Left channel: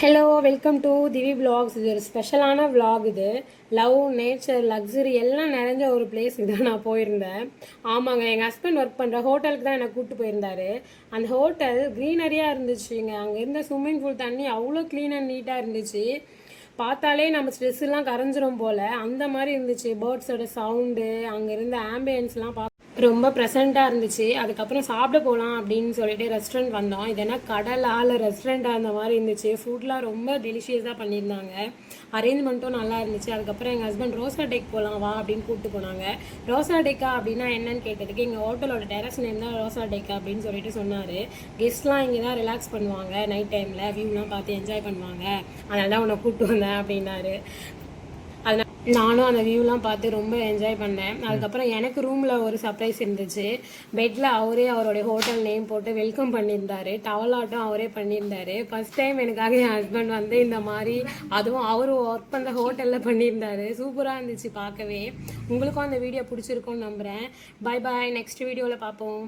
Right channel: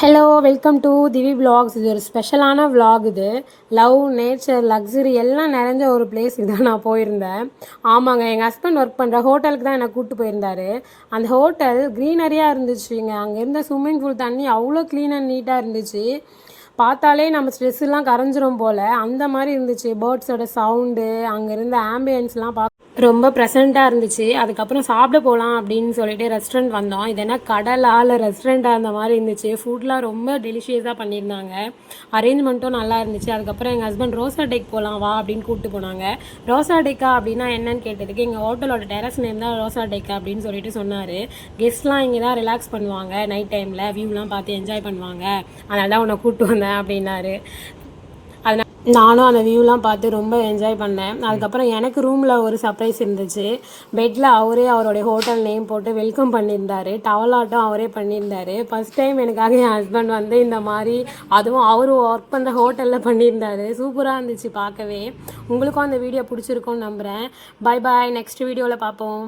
Hello welcome to Divi vlogs. இது ஒரு ஸ்பெஷலான விலாக். இது லவ், நேச்சர், லக்ஸுரி எல்லாம் நிறைஞ்ச ஒரு பிளேஸ் இதுதான் நான் போயிருந்தேன். ஆமாங்க, எங்கள் ஹஸ்பண்ட் ஒர்க் பண்ணுற ஹோட்டலுக்கு தான் என்னை கூப்பிட்டு போயிருந்தாரு. அந்த ஹோட்டல் க்ரீனரியாக இருந்துச்சுங்க. அங்கே இருந்த ஸ்விம்மிங் பூல் தண்ணி அவ்வளோ க்ளீன் அண்ட் நீட்டாக இருந்துச்சு. பார்த்தாலே நம்ம ஸ்ட்ரெஸ்ஸெல்லாம் கரைஞ்சிரும் போல் அந்த மாதிரி இருந்துச்சு. பேர்ட்ஸோட சவுண்டு, அங்கே இருந்த ஆம்பியன்ஸ்லாம் ரொம்ப ப்ரெசண்ட்டாக இருந்துச்சு. அதுக்கப்புறம் சாப்பிட போகலாம் அப்படின்னு சொல்லிட்டு ரெஸ்டாரண்ட் வந்தோம். இது என்ன கடலா இல்லை ரெஸ்டாரண்ட்டாக அந்த மாதிரி இருந்துச்சு. ஃபுட்லாம் ரொம்ப டெலிஷியஸாக பண்ணியிருந்தாங்க. அரேஞ்ச்மெண்ட்டும் நல்லா இருந்துச்சு. அதுக்கப்புறம் எங்கள் ஹஸ்பண்ட் ரோசா டெக் போகலாம் வா அப்படின்னு கூப்பிட்டு போனாங்க. ரோசா டெக்கா அப்படின்னா என்னன்னு கேட்டதுக்கு எங்கள் ஹோட்டலோட டெரஸ் நேம் தான் ரோசா டெக்கா அப்படின்னு சொல்லிட்டு சொன்னார். கெஸ்ட்லாம் இங்கே தான் ரிலாக்ஸ் பண்ணுவாங்க, நைட் டைமில் வியூலாம் பார்த்து என்ஜாய் பண்ணுவாங்க, அதனால தான் உன்னை கூப்பிட்டு வந்தேன் அப்படின்னாரு. நானும் அந்த வியூலாம் பார்த்து ரொம்ப என்ஜாய் பண்ணேன். அதுக்கப்புறம் எனக்கு ரூமில் ஒரு சர்ப்ரைஸ் இருந்துச்சு. பெட்டில் அவரே அவருடைய ஹோட்டல் நேம் போட்டு வெல்கம் பண்ணியிருந்தார். டவலாட்டம் அவரே பண்ணியிருந்தார். ஃபஸ்ட் டைம் எனக்காக என் ஹஸ்பண்ட் வந்து இந்த மாதிரி, அதுவும் அவர் ஒர்க் பண்ணுற ஹோட்டலில் பண்ணியிருந்தார். சூப்பராக இருந்துச்சு பார்க்கவே. உங்களுக்கும் அந்த வீடியோ பிடிச்சிருக்கோன்னு நம்புகிறேன். பை பாய், நெக்ஸ்ட் வீடியோவில் பார்ப்போம்.